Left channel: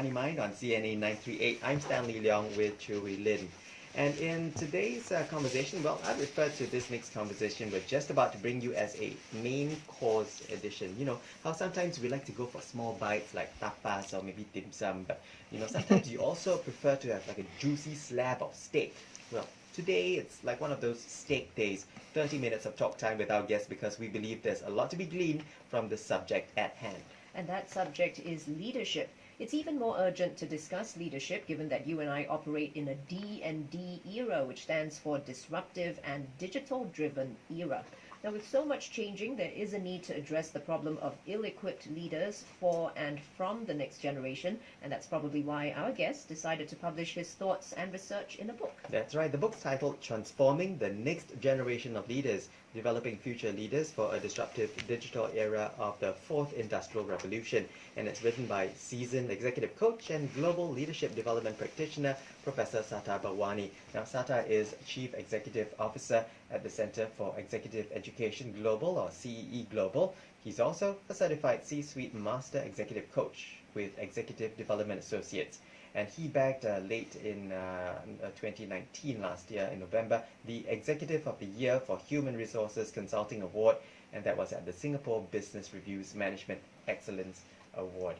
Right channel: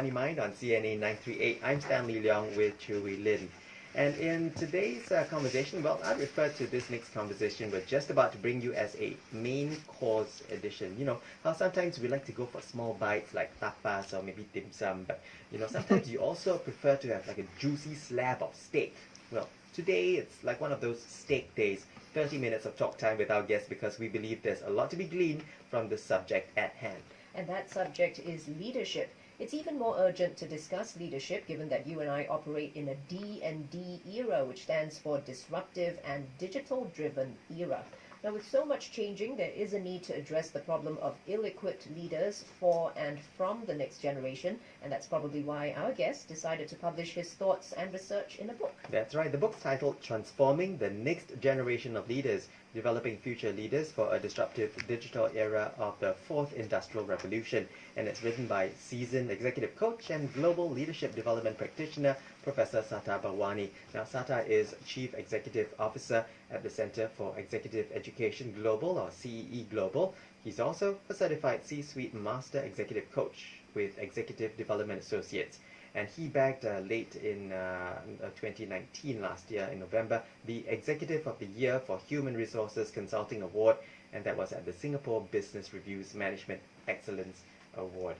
Money Mind on CNA938. I'm Stanley Leong with Chewy Lin. And in today's conversation, well, I refer to this next conversation we're just about to bring you as a main course edition. You know, how sometimes we like to go for small bites like tapas or maybe dim sum, but you know, sometimes you also prefer to have like a juicy slab of steak. Well, today it's like one of those steak days, 30 minutes of talk time with our guests because we believe there's a lot to be gleaned from the subject at hand. And that subject is leadership. It's even more urgent to discuss leadership given that you and I operate in a D&D era, which stands for disruptive and digital-driven era. Now, with so much changing, there is a need to address the problem of ill-equipped leaders for and from the next generation, and that's probably why our guest decided to publish his thoughts and research in a book. That's right. The book's titled Transforming the Next Generation of Leaders, Developing Future Leaders for a Disruptive Digital Era of the Fourth Industrial Revolution. And it's written by seasoned executive coach and global leadership development practitioner, Professor Sata Bharwani. Now, Sata is Chief Executive Officer at the Center for Executive Education Global, or CEE Global. He's also a certified C-suite master executive coach with Executive Development Associates. And he bagged late in 2019, last year in November, the Executive of the Year for Human Resources Consulting Award, and that was at the Singapore Business Review's Management Excellence Award.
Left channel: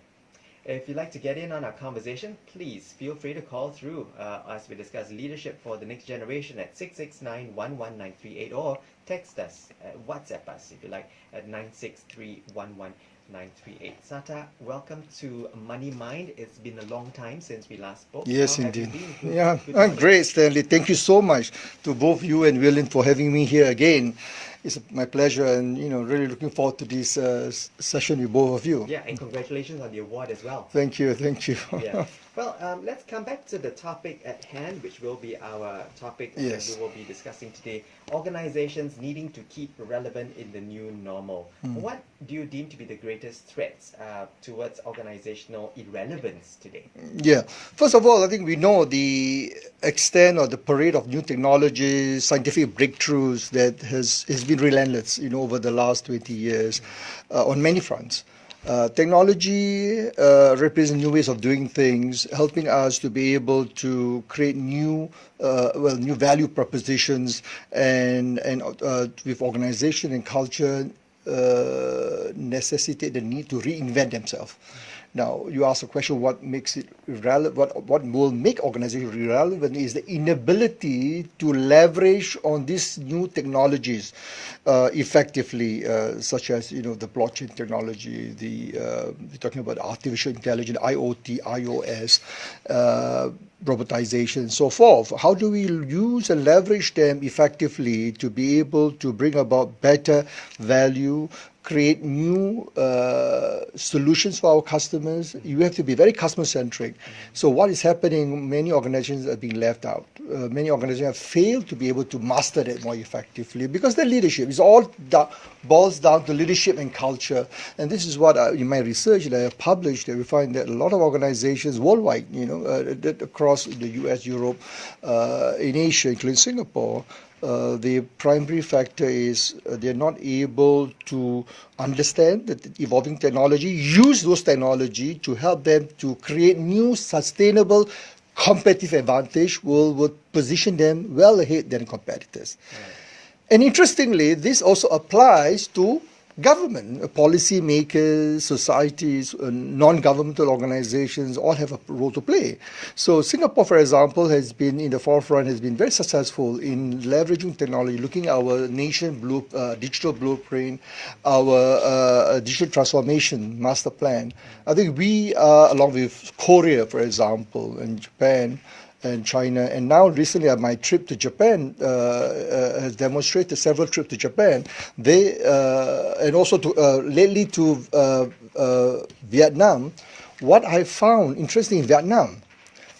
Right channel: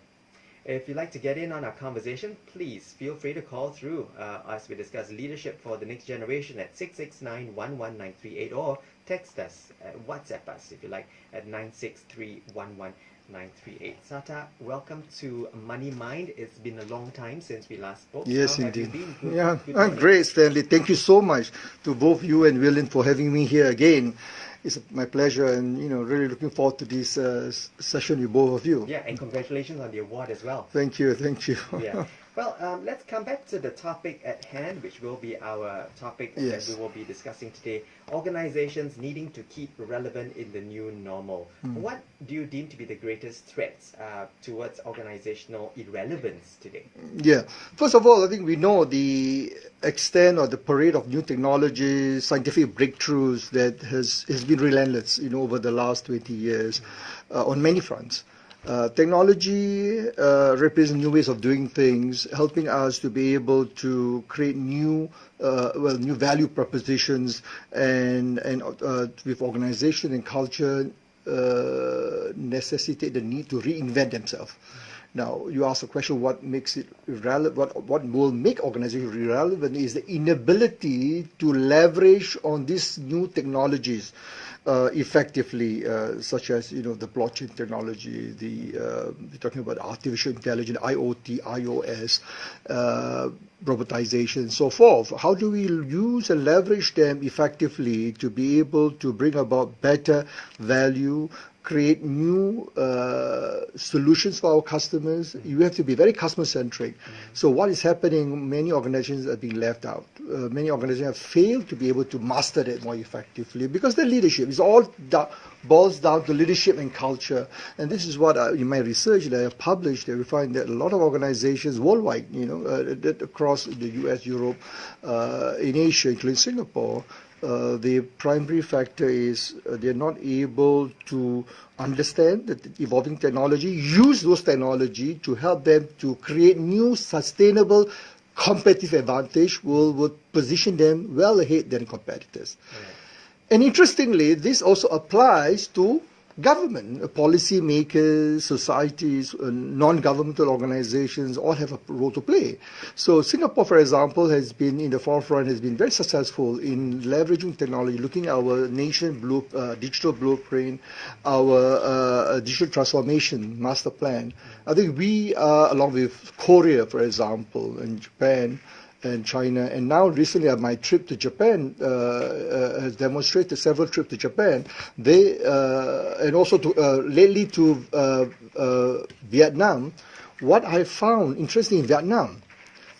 If you'd like to get in on our conversation, please feel free to call through as we discuss leadership for the next generation at 669-11938 or text us, WhatsApp us if you like, at 963-11938. Sata, welcome to Money Mind. It's been a long time since we last spoke. Yes, How indeed. have you been? Yeah, Good I'm morning. great, Stanley. Thank you so much to both you and William for having me here again. It's my pleasure, and really looking forward to this session with both of you. Yeah, and congratulations on the award as well. Thank you, thank you. Yeah. Well, let's come back to the topic at hand, which will be our topic Yes. that we will be discussing today. Organizations needing to keep relevant in the new normal. What do you deem to be the greatest threats towards organizational irrelevance today? Yeah. First of all, I think we know the extent or the parade of new technologies, scientific breakthroughs that has been relentless, over the last 20 years on many fronts. Technology represents new ways of doing things, helping us to be able to create new value propositions, and with organization and culture necessitate the need to reinvent themselves. Now, you ask the question, what makes it irrelevant? What will make organizations irrelevant is the inability to leverage on these new technologies effectively, such as the blockchain technology, we're talking about artificial intelligence, IoT, iOS, robotization, and so forth. How do we use and leverage them effectively to be able to bring about better value, create new solutions for our customers? You have to be very customer-centric. So what is happening, many organizations are being left out. Many organizations have failed to be able to master that more effectively because their leadership is all boils down to leadership and culture. And this is what in my research that I have published, that we find that a lot of organizations worldwide, across the US, Europe, in Asia, including Singapore, the primary factor is they're not able to understand the evolving technology, use those technology to help them to create new sustainable competitive advantage will position them well ahead than competitors. Right. And interestingly, this also applies to government, policy makers, societies, non-governmental organizations all have a role to play. So Singapore, for example, has been in the forefront, has been very successful in leveraging technology, looking at our nation digital blueprint, our digital transformation master plan. I think we, along with Korea, for example, and Japan, and China, and now recently my trip to Japan has demonstrated several trips to Japan. They and also to lately to Vietnam. What I found interesting in Vietnam,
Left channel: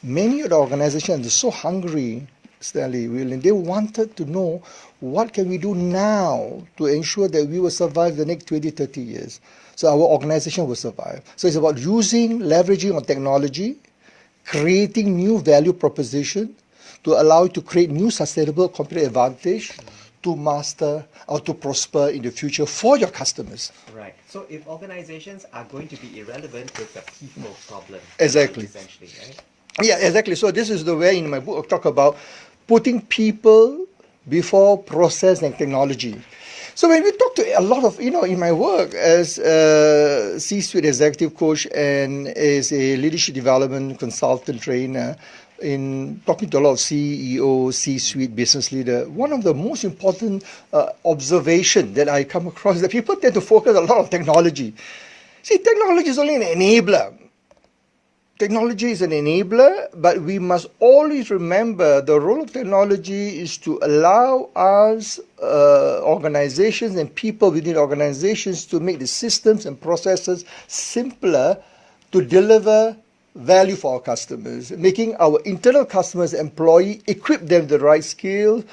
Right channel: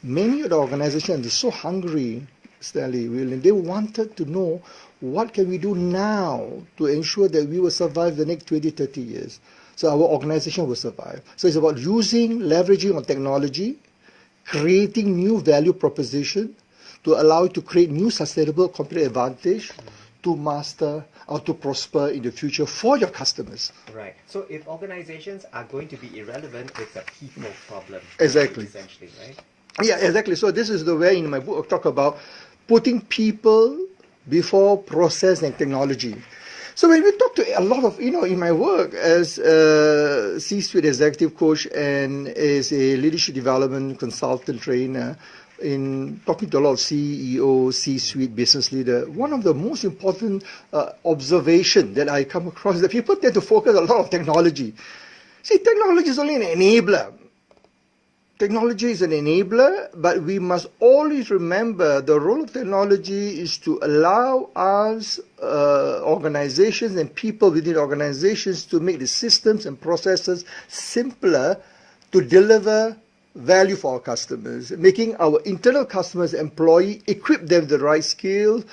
many of the organizations are so hungry, Stanley, William. They wanted to know what can we do now to ensure that we will survive the next 20, 30 years. So our organization will survive. So it's about leveraging on technology, creating new value proposition to allow you to create new sustainable competitive advantage to master or to prosper in the future for your customers. Right. So if organizations are going to be irrelevant, it's a people problem. Exactly. Essentially, right? Yeah, exactly. So this is the way in my book I talk about putting people before process and technology. So when we talk to a lot of, in my work as a C-suite executive coach and as a leadership development consultant trainer, in talking to a lot of CEO, C-suite business leader, one of the most important observation that I come across is that people tend to focus a lot on technology. See, technology is only an enabler. Technology is an enabler, but we must always remember the role of technology is to allow us, organizations and people within organizations, to make the systems and processes simpler to deliver value for our customers, making our internal customers, employee, equip them with the right skill,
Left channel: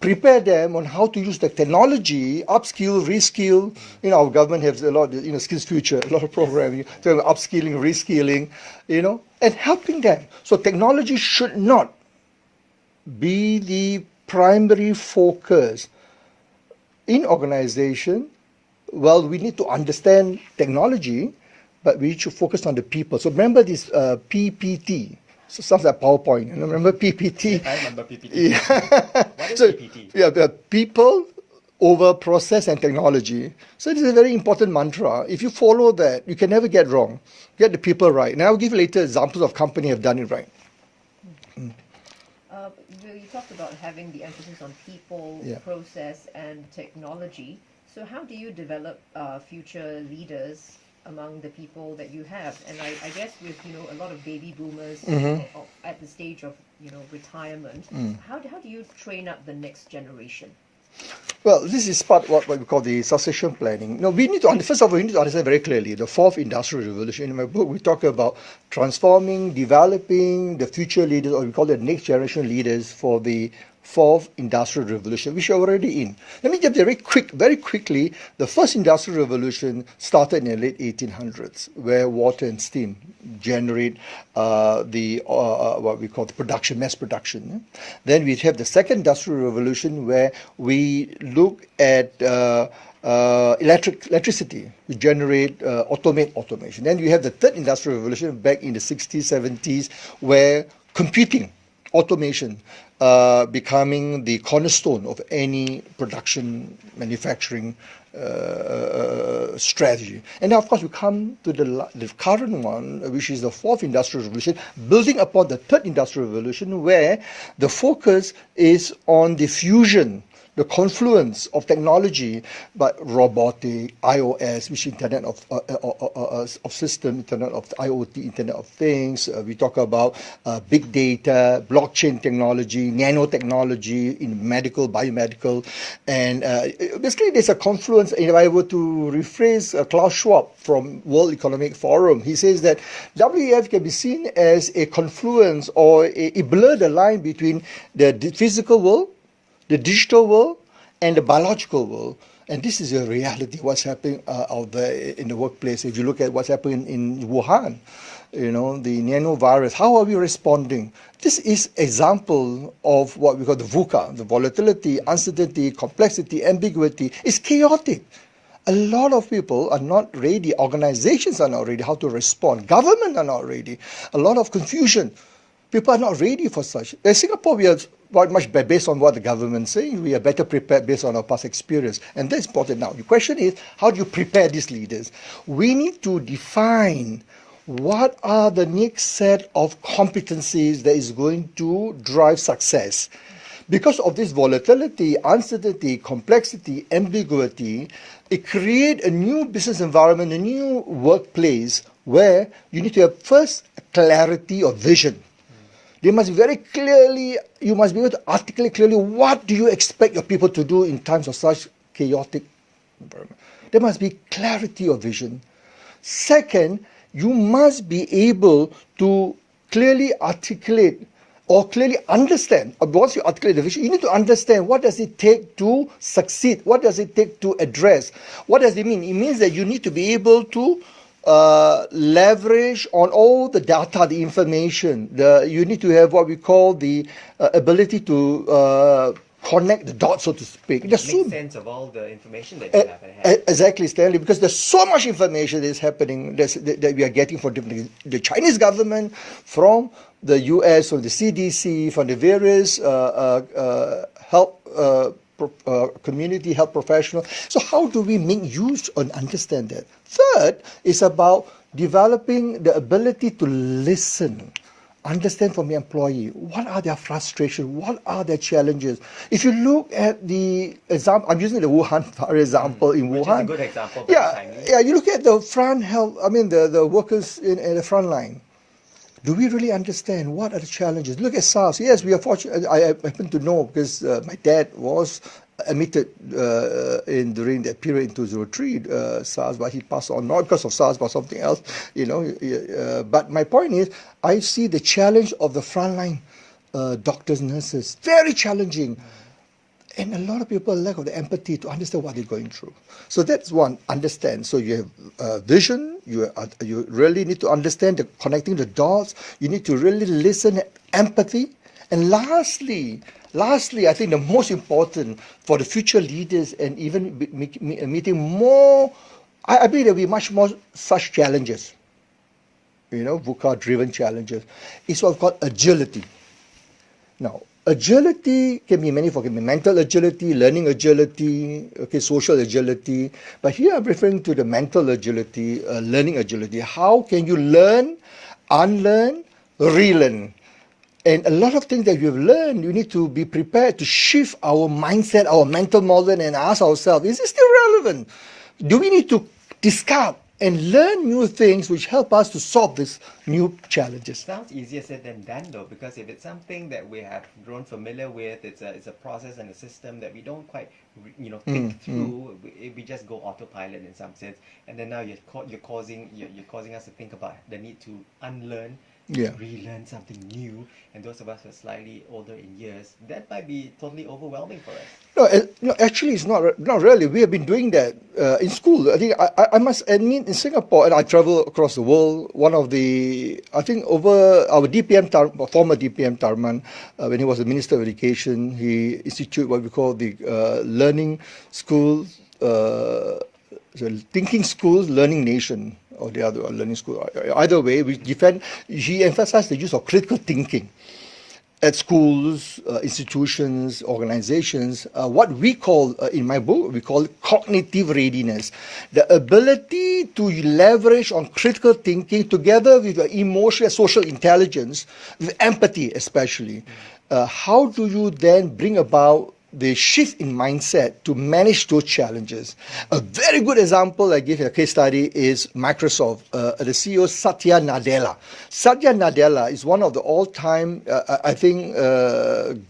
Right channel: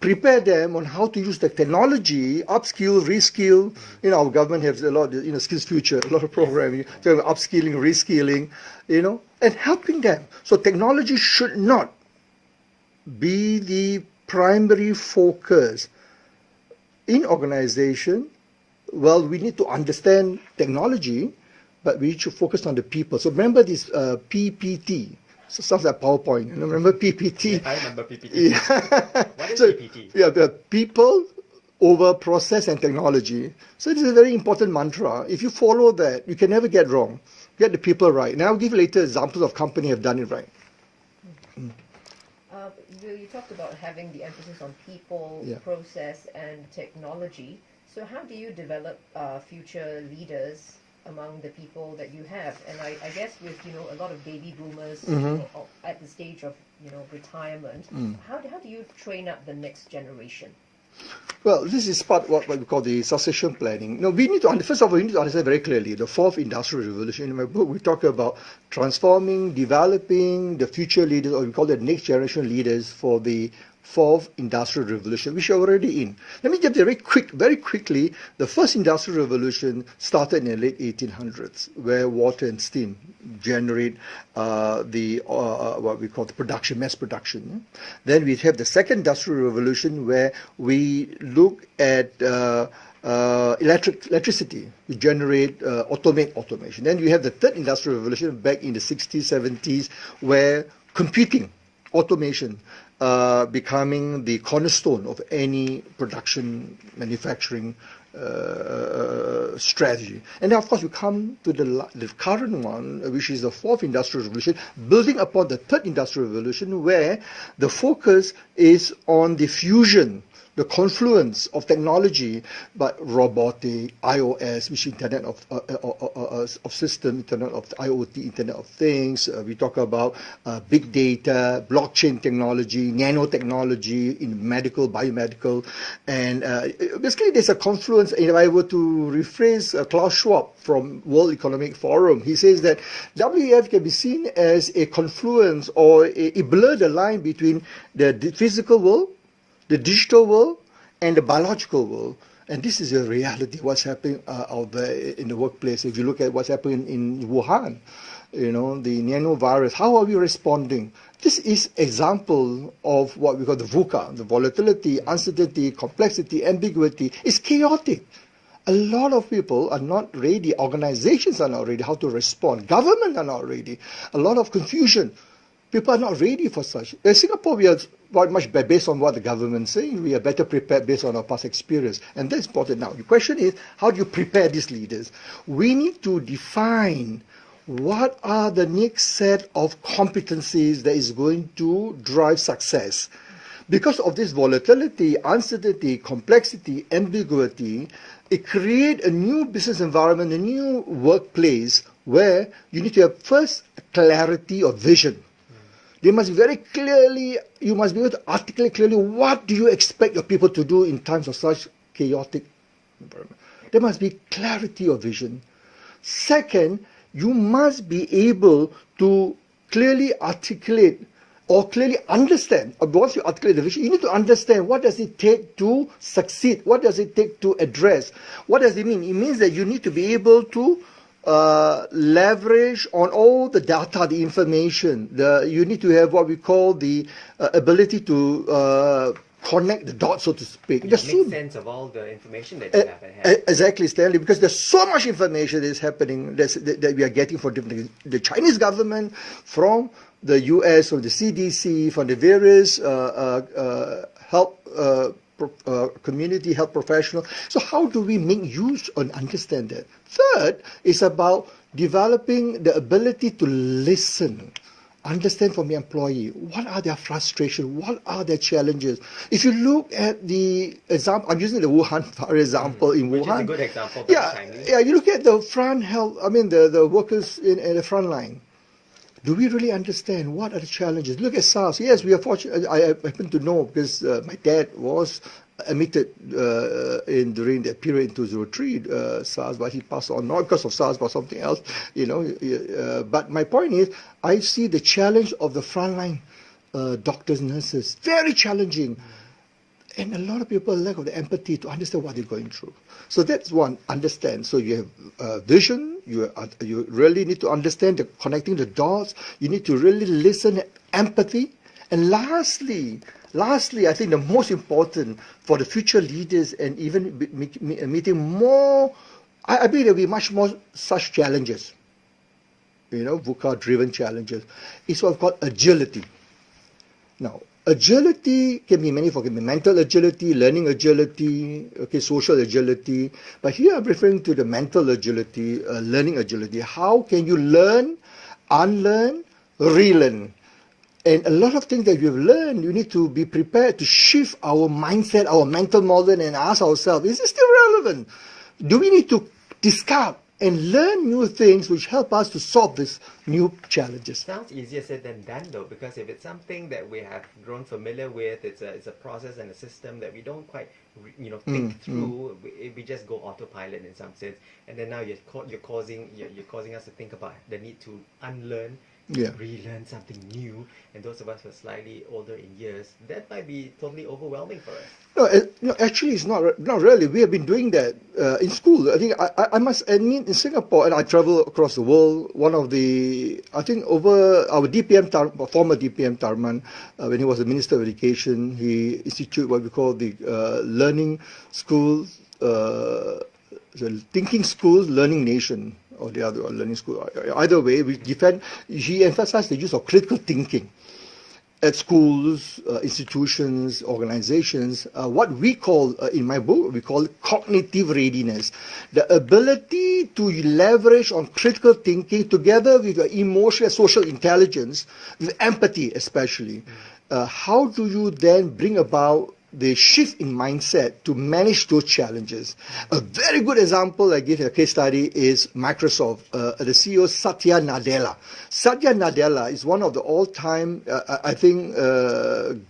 prepare them on how to use the technology, upskill, reskill. Our government has a lot, skills future, a lot of programming, upskilling, reskilling, and helping them. So technology should not be the primary focus in organization. Well, we need to understand technology, but we need to focus on the people. So remember this PPT. So sounds like PowerPoint. Remember PPT? I remember PPT. Yeah. What is PPT? Yeah, people over process and technology. So this is a very important mantra. If you follow that, you can never get wrong. Get the people right. And I'll give you later examples of companies have done it right. You talked about having the emphasis on people, Yeah. process, and technology. So how do you develop future leaders among the people that you have? And I guess with a lot of baby boomers at the stage of retirement, how do you train up the next generation? Well, this is part of what we call the succession planning. We need to first of all, we need to understand very clearly the fourth industrial revolution. In my book, we talk about transforming, developing the future leaders, or we call it next generation leaders for the fourth industrial revolution, which are already in. Let me get very quickly. The first industrial revolution started in the late 1800s, where water and steam generate what we call the production, mass production. Then we have the second industrial revolution, where we look at electricity. We generate, automation. Then you have the third industrial revolution back in the 60s, 70s, where computing, automation, becoming the cornerstone of any production, manufacturing strategy. And now, of course, we come to the current one, which is the fourth industrial revolution, building upon the third industrial revolution, where the focus is on the fusion, the confluence of technology, but robotic, iOS, which is Internet of System, Internet of IoT, Internet of Things. We talk about big data, blockchain technology, nanotechnology in medical, biomedical, and basically there's a confluence. If I were to rephrase Klaus Schwab from World Economic Forum, he says that WEF can be seen as a confluence, or a blur the line between the physical world, the digital world, and the biological world. And this is a reality, what's happening out there in the workplace. If you look at what's happening in Wuhan, the nanovirus, how are we responding? This is example of what we call the VUCA, the volatility, uncertainty, complexity, ambiguity. It's chaotic. A lot of people are not ready. Organizations are not ready how to respond. Government are not ready. A lot of confusion. People are not ready for such. In Singapore, we are quite much based on what the government is saying. We are better prepared based on our past experience. And that's important now. The question is, how do you prepare these leaders? We need to define what are the next set of competencies that is going to drive success. Because of this volatility, uncertainty, complexity, ambiguity, it creates a new business environment, a new workplace where you need to have first clarity of vision. They must be very clearly, you must be able to articulate clearly what do you expect your people to do in times of such chaotic environment. There must be clarity of vision. Second, you must be able to clearly articulate or clearly understand. Once you articulate the vision, you need to understand what does it take to succeed? What does it take to address? What does it mean? It means that you need to be able to leverage on all the data, the information. You need to have what we call the ability to connect the dots, so to speak. Make sense of all the information that you have at hand. Exactly, Stanley, because there's so much information that is happening that we are getting from the Chinese government, from the US, from the CDC, from the various health community health professionals. So how do we make use and understand that? Third is about developing the ability to listen, understand from the employee, what are their frustrations, what are their challenges. If you look at the example, I'm using the Wuhan for example, in Which Wuhan. is a good example. Yeah, you look at the front health, the workers in the front line. Do we really understand what are the challenges? Look at SARS. Yes, we are fortunate. I happen to know because my dad was admitted during that period in 2003 SARS, but he passed on not because of SARS but something else. But my point is, I see the challenge of the frontline doctors, nurses, very challenging. And a lot of people lack of the empathy to understand what they're going through. So that's one, understand. So you have vision, you really need to understand connecting the dots, you need to really listen, empathy. And lastly, I think the most important for the future leaders and even meeting more, I believe there will be much more such challenges, VUCA-driven challenges, is what we call agility. Now, agility can be many forms. It can be mental agility, learning agility, social agility. But here I'm referring to the mental agility, learning agility. How can you learn, unlearn, relearn? And a lot of things that you've learned, you need to be prepared to shift our mindset, our mental model, and ask ourselves, is it still relevant? Do we need to discard and learn new things which help us to solve these new challenges? Sounds easier said than done, though, because if it's something that we have grown familiar with, it's a process and a system that we don't quite think through. We just go autopilot in some sense, and then now you're causing us to think about the need to unlearn, relearn something new. And those of us who are slightly older in years, that might be totally overwhelming for us. No, actually, it's not really. We have been doing that in school. I think I must admit, in Singapore, and I travel across the world. One of the, I think, over our former DPM Tharman, when he was the Minister of Education, he instituted what we call the learning schools, thinking schools, learning nation, or the other learning school. Either way, he emphasized the use of critical thinking at schools, institutions, organizations. What we call, in my book, we call it cognitive readiness. The ability to leverage on critical thinking together with emotional social intelligence, with empathy especially. How do you then bring about the shift in mindset to manage those challenges? A very good example I give a case study is Microsoft. The CEO Satya Nadella. Satya Nadella is one of the all-time,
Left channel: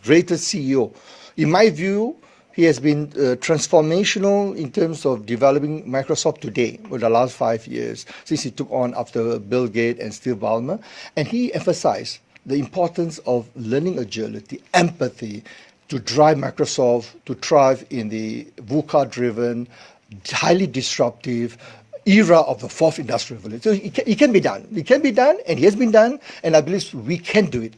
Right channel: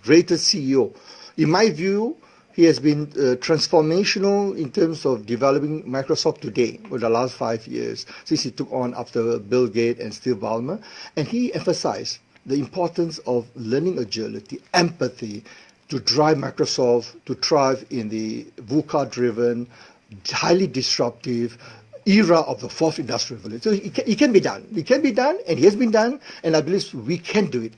greatest CEO. In my view, he has been transformational in terms of developing Microsoft today over the last 5 years, since he took on after Bill Gates and Steve Ballmer. And he emphasized the importance of learning agility, empathy, to drive Microsoft to thrive in the VUCA-driven, highly disruptive era of the fourth industrial revolution. So it can be done. It can be done, and it has been done, and I believe we can do it.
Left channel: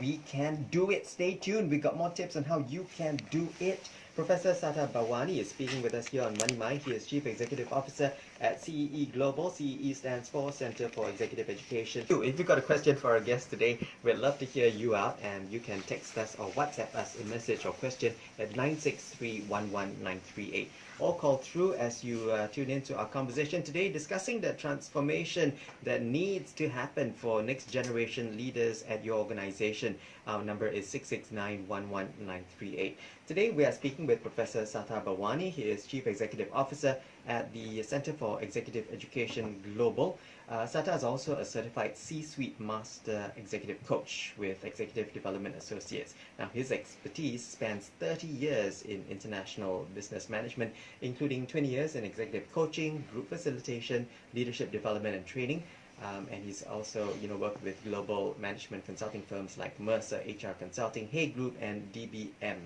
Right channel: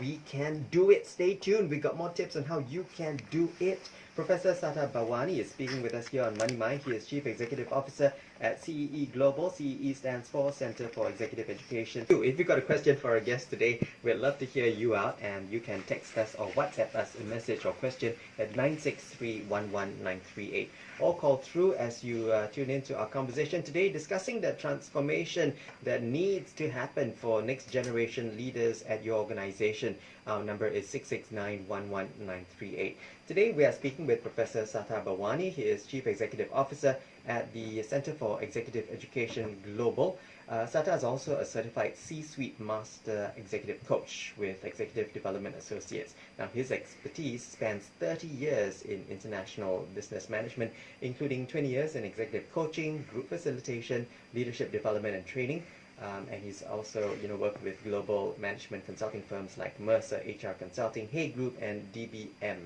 We can do it. Stay tuned. We got more tips on how you can do it. Professor Satya Bhawani is speaking with us here on Money Mind. He is Chief Executive Officer at CEE Global. CEE stands for Center for Executive Education. If you've got a question for our guest today, we'd love to hear you out, and you can text us or WhatsApp us a message or question at 963-11938. Or call through as you tune into our conversation today, discussing the transformation that needs to happen for next generation leaders at your organization. Our number is 669-11938. Today we are speaking with Professor Satya Bhawani. He is Chief Executive Officer at the Center for Executive Education Global. Satya is also a certified C-suite master executive coach with Executive Development Associates. Now, his expertise spans 30 years in international business management, including 20 years in executive coaching, group facilitation, leadership development and training. And he's also worked with global management consulting firms like Mercer HR Consulting, Hay Group, and DBM.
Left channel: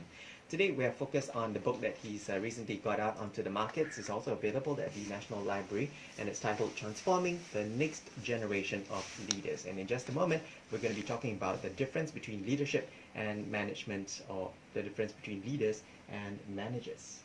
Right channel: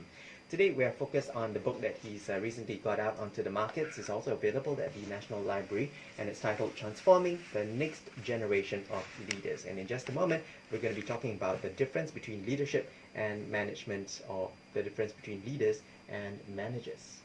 Today we are focused on the book that he's recently got out onto the markets. It's also available at the National Library, and it's titled Transforming the Next Generation of Leaders. And in just a moment, we're going to be talking about the difference between leadership and management, or the difference between leaders and managers.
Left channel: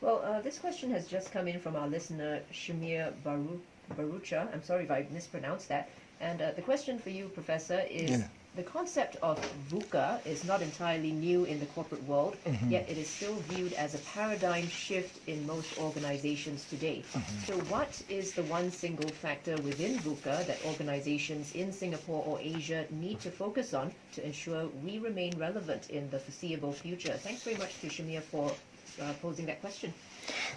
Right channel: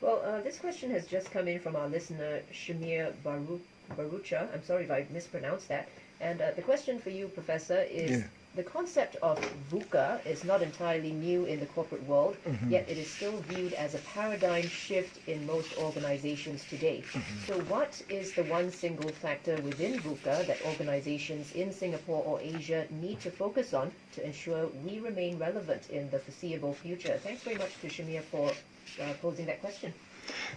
Well, this question has just come in from our listener, Shamir Barucha. I'm sorry if I mispronounced that. And the question for you, Professor, is the concept of VUCA is not entirely new in the corporate world, yet it is still viewed as a paradigm shift in most organizations today. So what is the one single factor within VUCA that organizations in Singapore or Asia need to focus on to ensure we remain relevant in the foreseeable future? Thanks very much to Shamir for posing that question.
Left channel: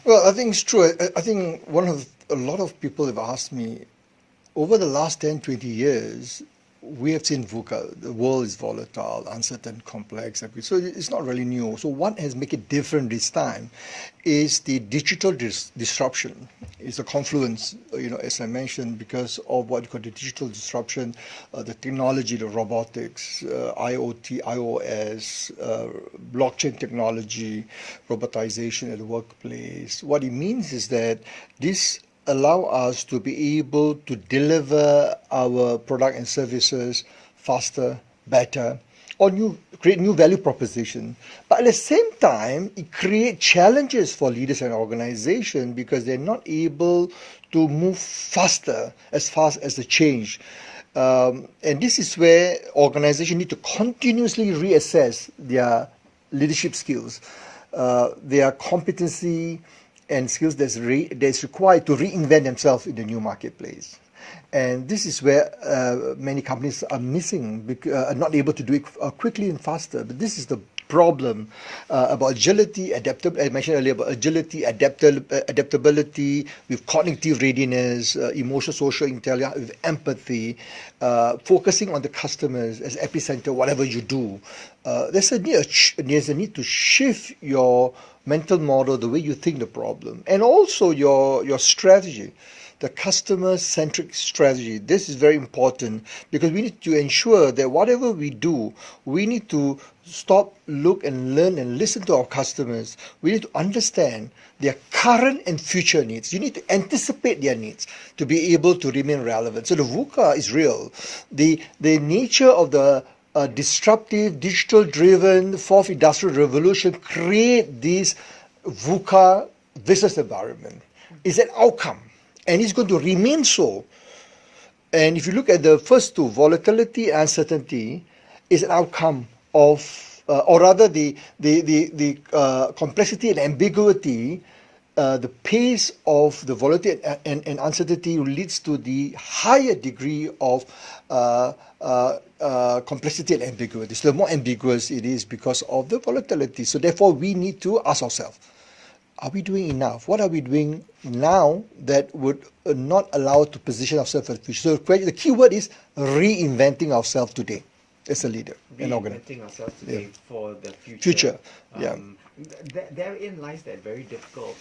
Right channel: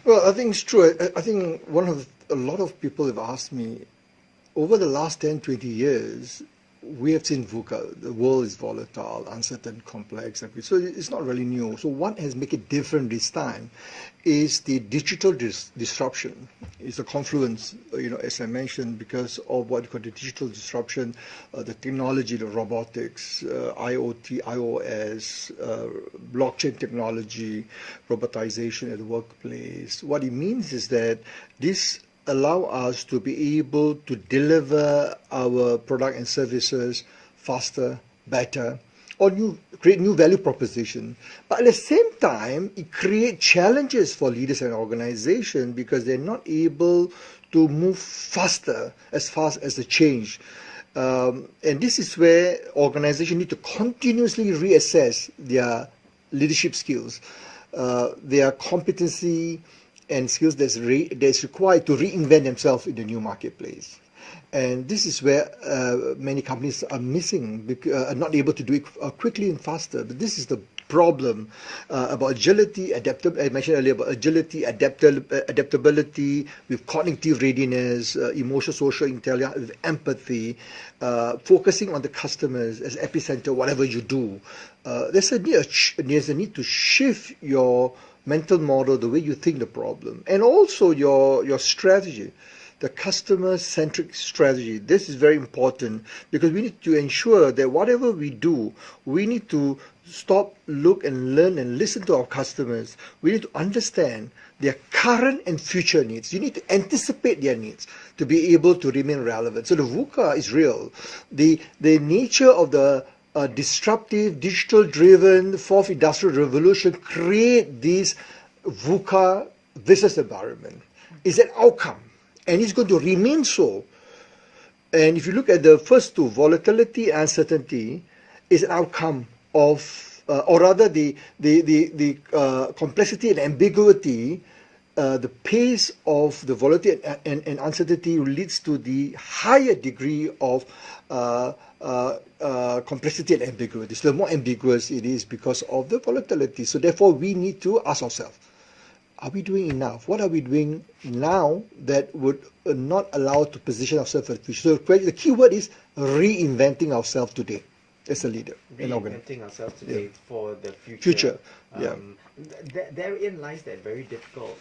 Well, I think it's true. I think a lot of people have asked me, over the last 10, 20 years, we have seen VUCA. The world is volatile, uncertain, complex. So it's not really new. So what has made it different this time is the digital disruption. It's a confluence, as I mentioned, because of what you call the digital disruption, the technology, the robotics, IoT, iOS, blockchain technology, robotization at the workplace. What it means is that this allow us to be able to deliver our product and services faster, better, or create new value proposition. But at the same time, it creates challenges for leaders and organizations because they're not able to move fast as the change. And this is where organizations need to continuously reassess their leadership skills, their competency, and skills that's required to reinvent themselves in the new marketplace. And this is where many companies are missing, are not able to do it quickly and faster. But this is the problem about agility, I mentioned earlier about agility, adaptability, with cognitive readiness, emotional, social intelligence, with empathy, focusing on the customers as epicenter, whatever you do. There's a need to shift your mental model, the way you think the problem, and also your strategy, the customer-centric strategy. This is very important because we need to ensure that whatever we do, we need to stop, look and learn and listen to our customers. We need to understand their current and future needs. You need to anticipate their needs to be able to remain relevant. So the VUCA is real. The nature of the disruptive, digital-driven fourth industrial revolution create this VUCA business environment. It's an outcome, and it's going to remain so. And if you look at the first two, volatility and uncertainty, is an outcome of, or rather the complexity and ambiguity, the pace of the volatility and uncertainty leads to the higher degree of complexity and ambiguity. So the more ambiguous it is because of the volatility. So therefore, we need to ask ourselves, are we doing enough? What are we doing now that would not allow us to position ourselves for the future? So the key word is reinventing ourselves today as a leader. Reinventing ourselves today for the future. Therein lies that very difficult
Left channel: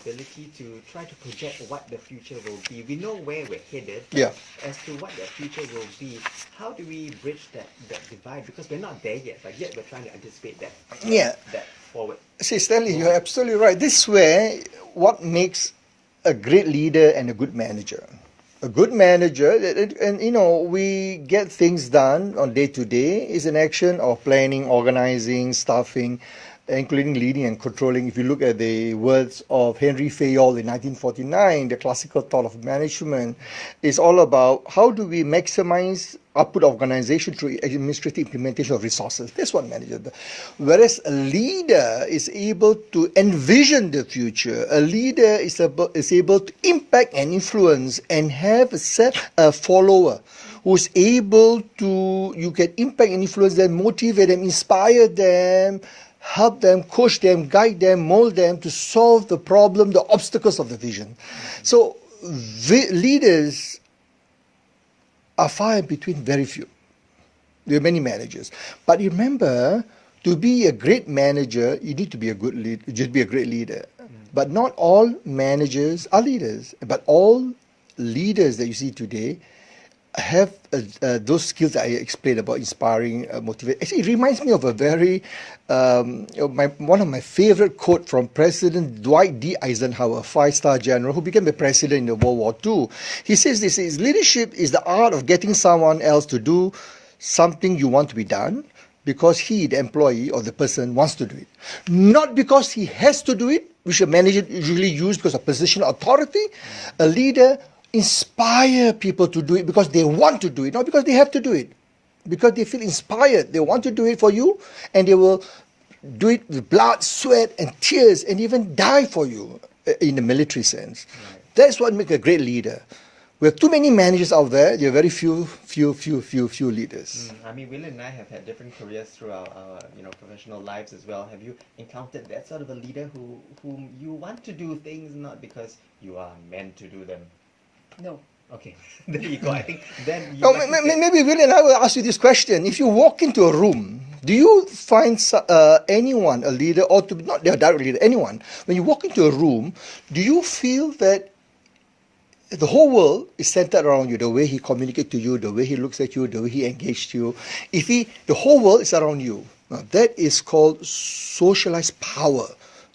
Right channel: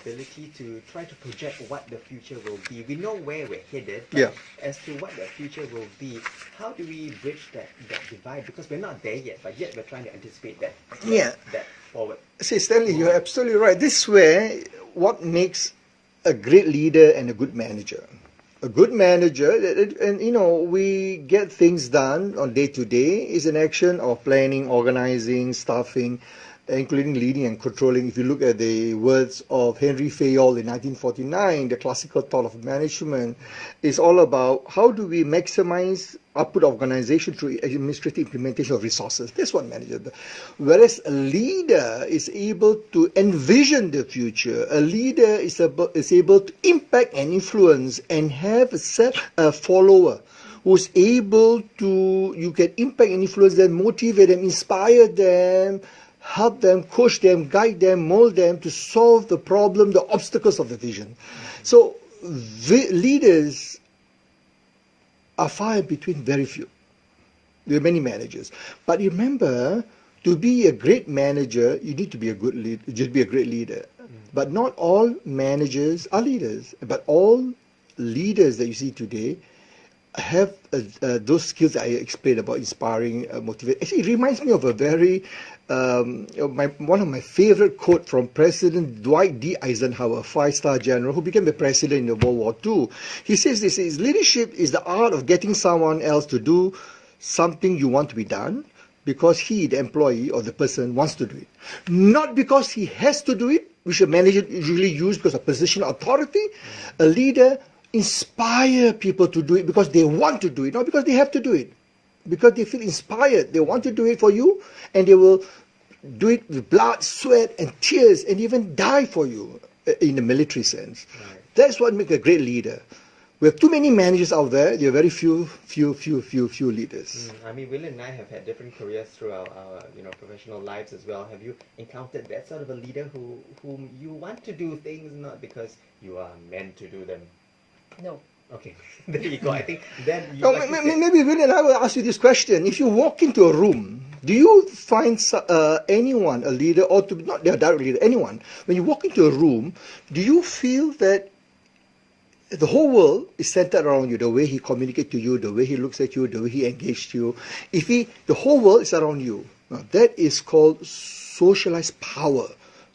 ability to try to project what the future will be. We know where we're headed, but as to what the future will be, how do we bridge that divide? Because we're not there yet, but yet we're trying to anticipate that forward. See, Stanley, you're absolutely right. This is where what makes a great leader and a good manager. A good manager, and we get things done on day to day, is an action of planning, organizing, staffing, including leading and controlling. If you look at the words of Henry Fayol in 1949, the classical thought of management is all about how do we maximize output of organization through administrative implementation of resources. That's what manager does. Whereas a leader is able to envision the future. A leader is able to impact and influence and have a follower who's able to, you can impact and influence them, motivate them, inspire them, help them, coach them, guide them, mold them to solve the problem, the obstacles of the vision. So leaders are far in between, very few. There are many managers. But remember, to be a great manager, you need to be a good leader, just be a great leader. But not all managers are leaders. But all leaders that you see today have those skills that I explained about inspiring, motivate. Actually, it reminds me of a very one of my favorite quote from President Dwight D. Eisenhower, 5-star general who became the president in the World War II. He says this is leadership is the art of getting someone else to do something you want to be done because he, the employee or the person, wants to do it. Not because he has to do it, which a manager usually use because of position of authority. A leader inspire people to do it because they want to do it, not because they have to do it. Because they feel inspired. They want to do it for you, and they will do it with blood, sweat, and tears, and even die for you in the military sense. Right. That's what makes a great leader. We have too many managers out there. There are very few leaders. I mean, Will and I have had different careers through our professional lives as well. Have you encountered that sort of a leader whom you want to do things not because you are meant to do them? No. Okay, there you go. I think then maybe Will and I will ask you this question. If you walk into a room, do you find anyone, a leader, or to be not their direct leader, anyone, when you walk into a room, do you feel that the whole world is centered around you, the way he communicates to you, the way he looks at you, the way he engages you? The whole world is around you. Now, that is called socialized power.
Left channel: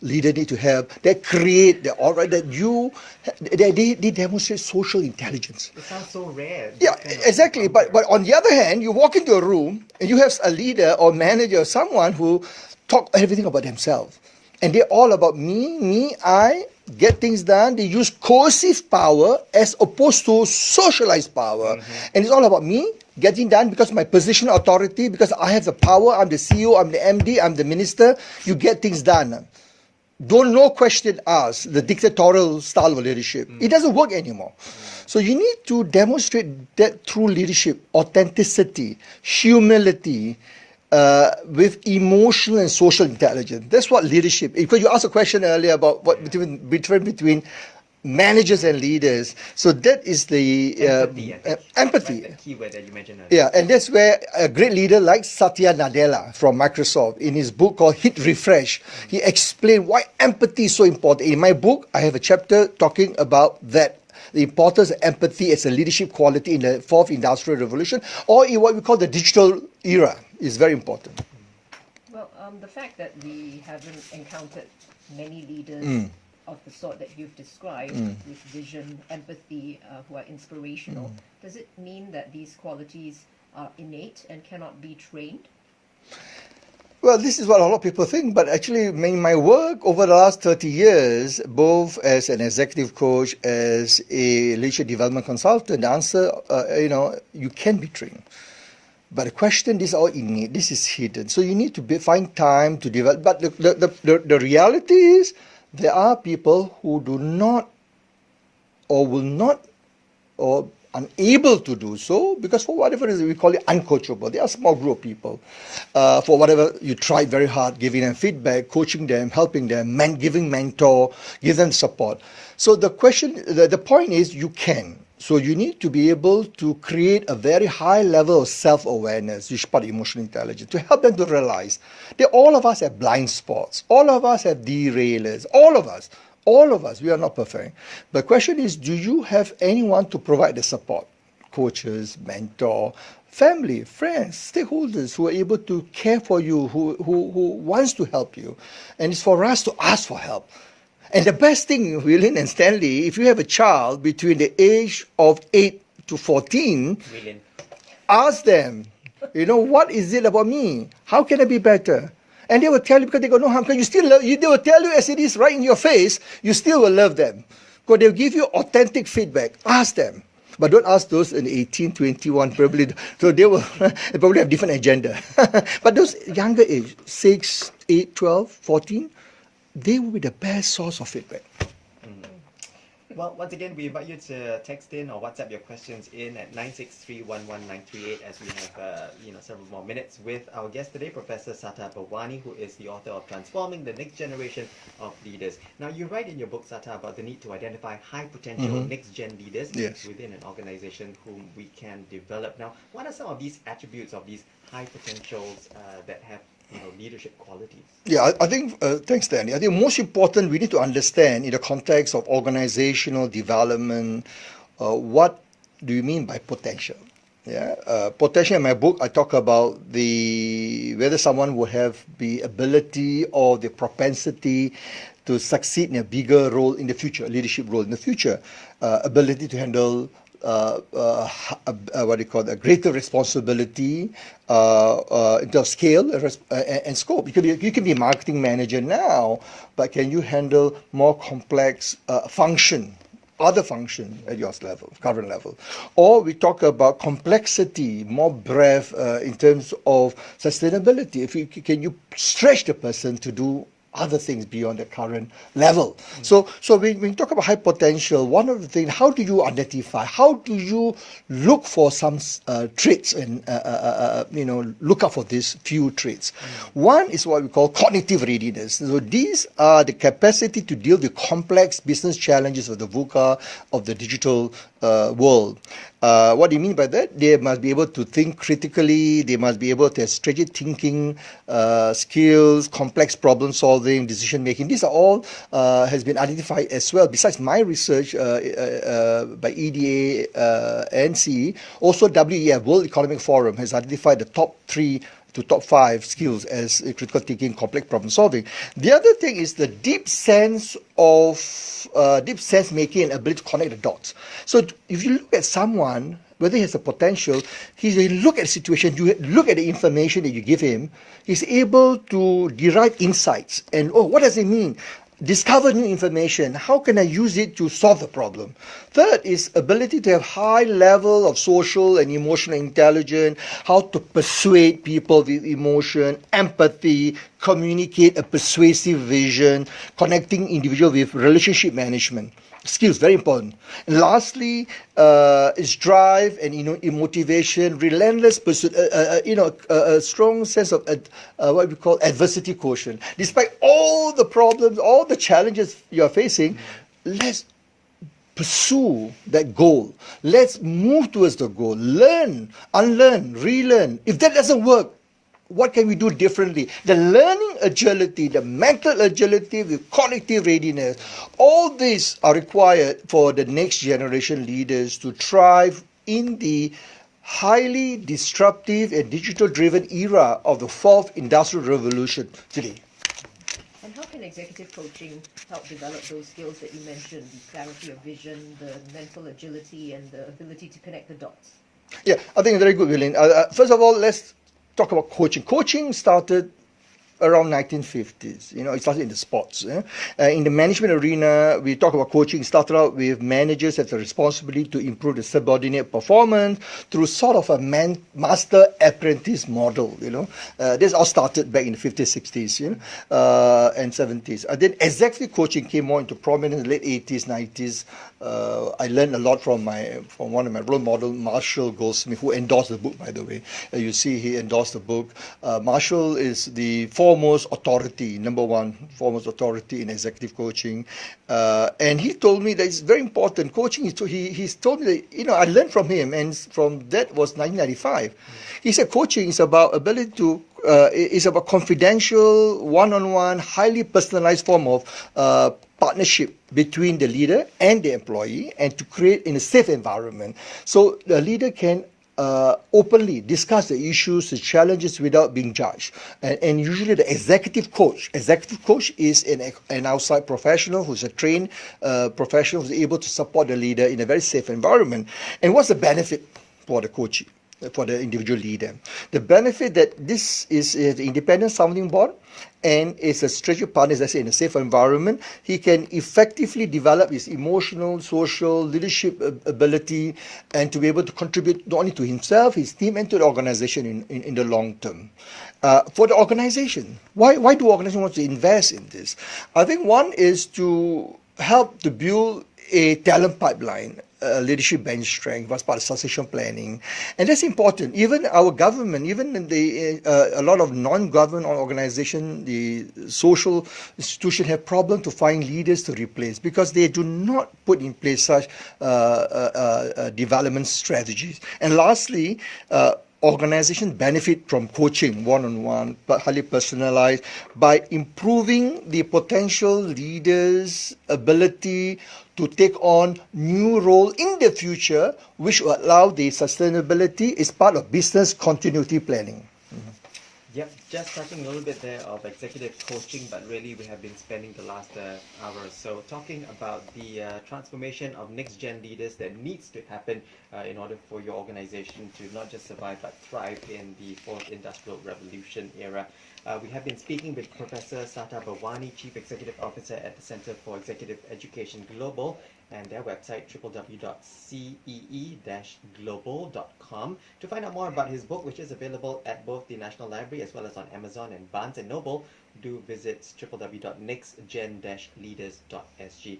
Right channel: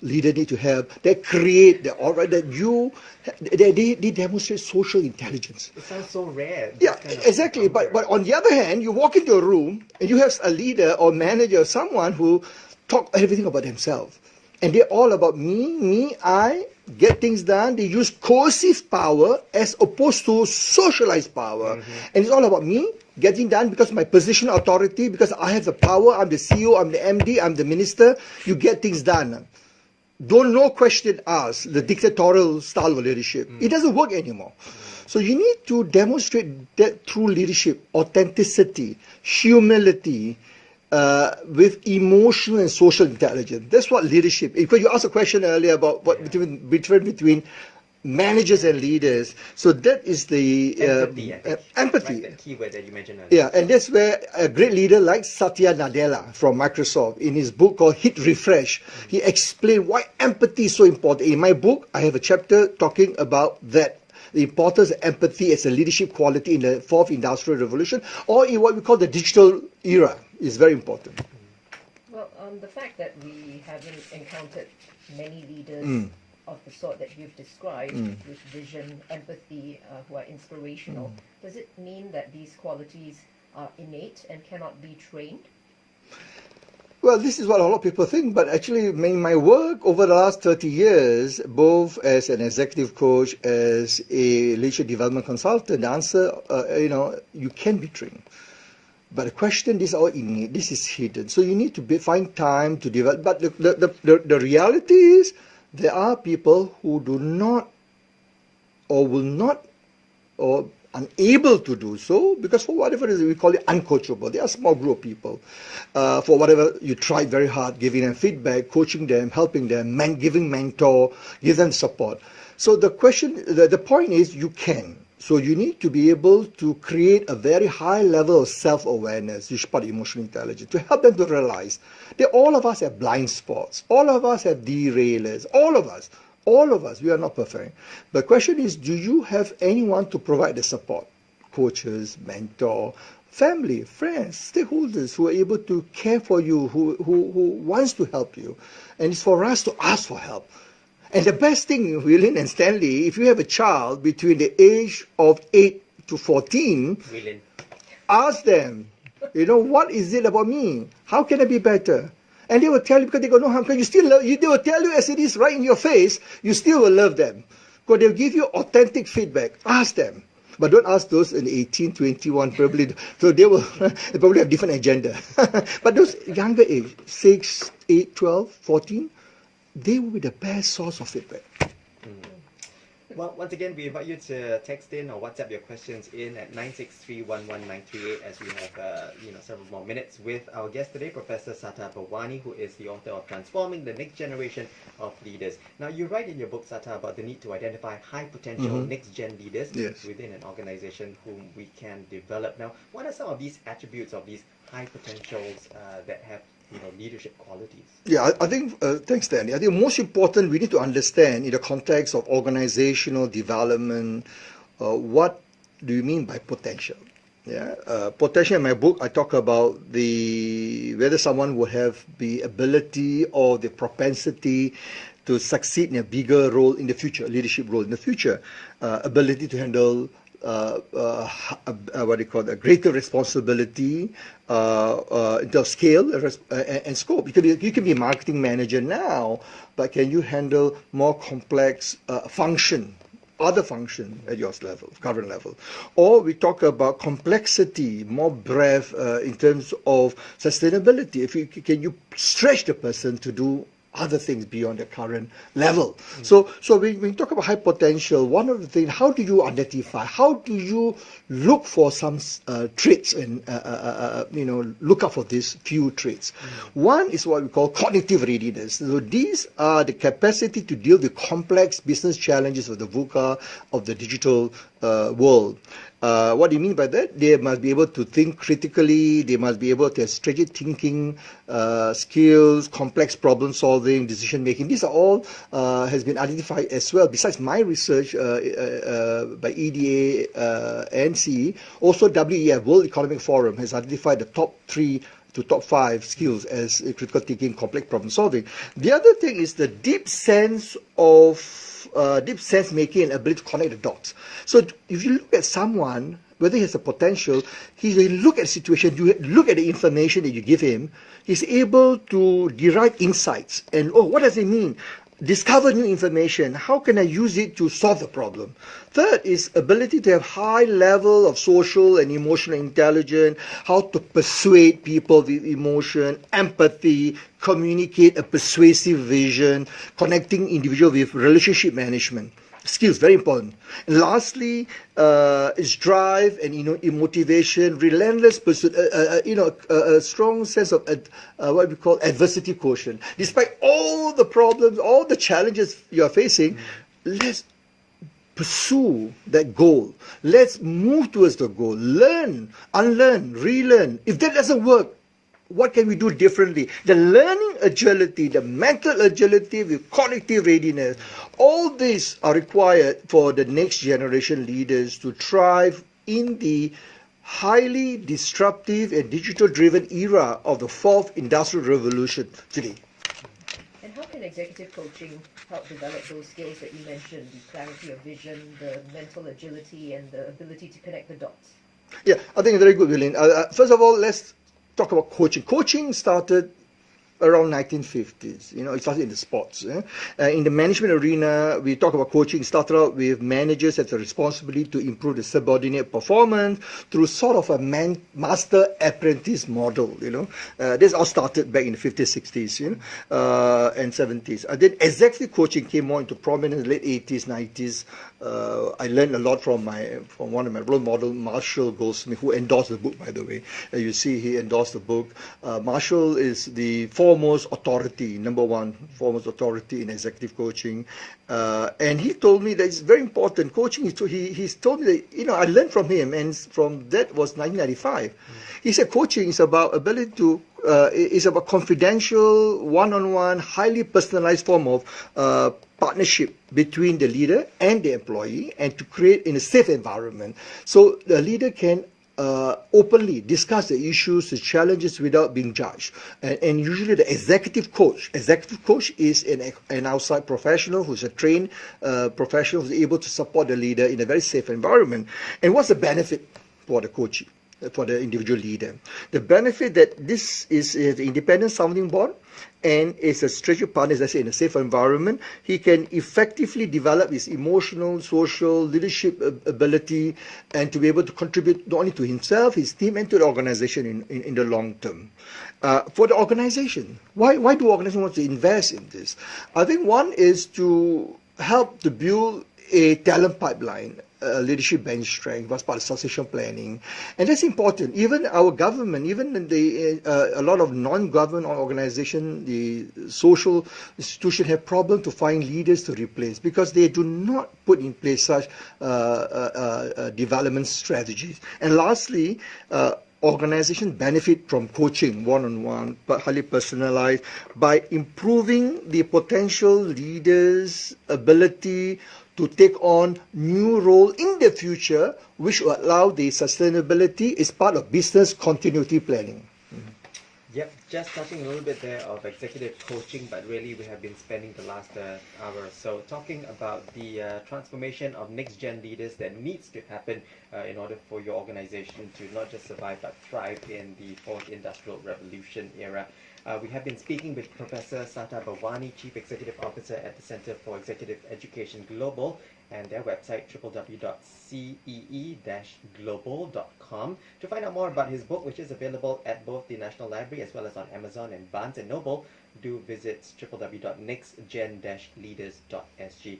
Leader need to have that create the aura that they demonstrate social intelligence. It sounds so rare. Yeah, exactly. But on the other hand, you walk into a room and you have a leader or manager or someone who talk everything about themselves, and they're all about me, I get things done. They use coercive power as opposed to socialized power, and it's all about me getting done because of my position of authority, because I have the power. I'm the CEO, I'm the MD, I'm the minister. You get things done. Don't no question ask, the dictatorial style of leadership. It doesn't work anymore. So you need to demonstrate that through leadership, authenticity, humility, with emotional and social intelligence. That's what leadership is. Because you asked a question earlier about what between managers and leaders. So that is the empathy. Right, that keyword that you mentioned earlier. Yeah, and that's where a great leader like Satya Nadella from Microsoft, in his book called Hit Refresh, he explained why empathy is so important. In my book, I have a chapter talking about that, the importance of empathy as a leadership quality in the 4th Industrial Revolution, or in what we call the digital era, is very important. Well, the fact that we haven't encountered many leaders of the sort that you've described, with vision, empathy, who are inspirational, does it mean that these qualities are innate and cannot be trained? Well, this is what a lot of people think, but actually in my work over the last 30 years, both as an executive coach, as a leadership development consultant, the answer, you can be trained. But the question, this is all innate, this is hidden. So you need to find time to develop. But the reality is, there are people who do not or will not or unable to do so because for whatever reason we call it uncoachable. They are a small group of people. For whatever you try very hard, giving them feedback, coaching them, helping them, giving mentor, give them support. So the point is you can. So you need to be able to create a very high level of self-awareness, which is part of emotional intelligence, to help them to realize that all of us have blind spots. All of us have derailers. All of us, we are not perfect. The question is, do you have anyone to provide the support? Coaches, mentor, family, friends, stakeholders who are able to care for you, who wants to help you. And it's for us to ask for help. And the best thing, William and Stanley, if you have a child between the age of 8 to 14, ask them, what is it about me? How can I be better? And they will tell you, because they got no harm. They will tell you as it is right in your face, you still will love them. Because they'll give you authentic feedback. Ask them. But don't ask those in 18, 21, probably. So they will probably have different agenda. But those younger age, 6, 8, 12, 14, they will be the best source of feedback. Well, once again, we invite you to text in or WhatsApp your questions in at 963-11938 as we have several more minutes with our guest today, Professor Sata Bhawani, who is the author of Transforming the Next Generation of Leaders. Now, you write in your book, Sata, about the need to identify high potential next-gen leaders within an organization whom we can develop. Now, what are some of these attributes of these high potentials that have leadership qualities? Yeah, I think, thanks, Stanley. I think most important, we need to understand in the context of organizational development, what do you mean by potential? Yeah, potential. In my book, I talk about whether someone will have the ability or the propensity to succeed in a bigger role in the future, leadership role in the future, ability to handle what do you call a greater responsibility in terms of scale and scope. You can be a marketing manager now, but can you handle more complex other function at your level, current level? Or we talk about complexity, more breadth in terms of sustainability. Can you stretch the person to do other things beyond the current level? So when we talk about high potential, one of the things, how do you identify? How do you look for some traits and look out for these few traits? One is what we call cognitive readiness. So these are the capacity to deal with complex business challenges of the VUCA, of the digital world. What do you mean by that? They must be able to think critically. They must be able to have strategic thinking skills, complex problem solving, decision making. These are all has been identified as well. Besides my research by EDA and CE, also WEF, World Economic Forum, has identified the top 3 to top 5 skills as critical thinking, complex problem solving. The other thing is the deep sense making and ability to connect the dots. So if you look at someone, whether he has a potential, you look at the situation, you look at the information that you give him, he's able to derive insights. And, what does it mean? Discover new information. How can I use it to solve the problem? Third is ability to have high level of social and emotional intelligence, how to persuade people with emotion, empathy, communicate a persuasive vision, connecting individual with relationship management. Skills, very important. And lastly, is drive and motivation, relentless pursuit, a strong sense of what we call adversity quotient. Despite all the problems, all the challenges you are facing, let's pursue that goal. Let's move towards the goal. Learn, unlearn, relearn. If that doesn't work, what can we do differently? The learning agility, the mental agility with cognitive readiness, all these are required for the next generation leaders to thrive in the highly disruptive and digital-driven era of the 4th Industrial Revolution today. And how can executive coaching help develop those skills that you mentioned, the clarity of vision, the mental agility, and the ability to connect the dots? Yeah, I think very good, William. First of all, let's talk about coaching. Coaching started around 1950s. It started in the sports. In the management arena, we talk about coaching. It started out with managers have the responsibility to improve the subordinate performance through sort of a master-apprentice model. This all started back in the 50s, 60s, and 70s. And then executive coaching came more into prominence in the late 80s, 90s. I learned a lot from one of my role models, Marshall Goldsmith, who endorsed the book, by the way. You see, he endorsed the book. Marshall is the foremost authority, foremost authority in executive coaching. And he told me that it's very important. Coaching, he's told me that, I learned from him, and from that was 1995. He said coaching is about ability to, is about confidential, one-on-one, highly personalized form of partnership between the leader and the employee, and to create in a safe environment. So the leader can openly discuss the issues, the challenges without being judged. And usually the executive coach is an outside professional who's a trained professional who's able to support the leader in a very safe environment. And what's the benefit for the coach, for the individual leader? The benefit that this is an independent sounding board and is a strategic partner, as I say, in a safe environment. He can effectively develop his emotional, social, leadership ability, and to be able to contribute not only to himself, his team, and to the organization in the long term. For the organization, why do organizations want to invest in this? I think one is to help to build a talent pipeline, leadership bench strength, was part of succession planning. And that's important. Even our government, even a lot of non-government organizations, the social institutions have problems to find leaders to replace because they do not put in place such development strategies. And lastly, organizations benefit from coaching one-on-one, but highly personalized, by improving the potential leaders' ability to take on new role in the future, which will allow the sustainability is part of business continuity planning. Yep, just touching a little bit there of executive coaching, but really we have been spending the last hour or so talking about the transformation of next-gen leaders that needs to happen in order for your organization to not just survive but thrive in the fourth industrial revolution era. We have been speaking with Professor Sata Bharwani, Chief Executive Officer at the Center for Executive Education Global, and their website www.cee-global.com to find out more about his book, which is available at both the National Library as well as on Amazon and Barnes & Noble. Do visit www.nextgen-leaders.sg.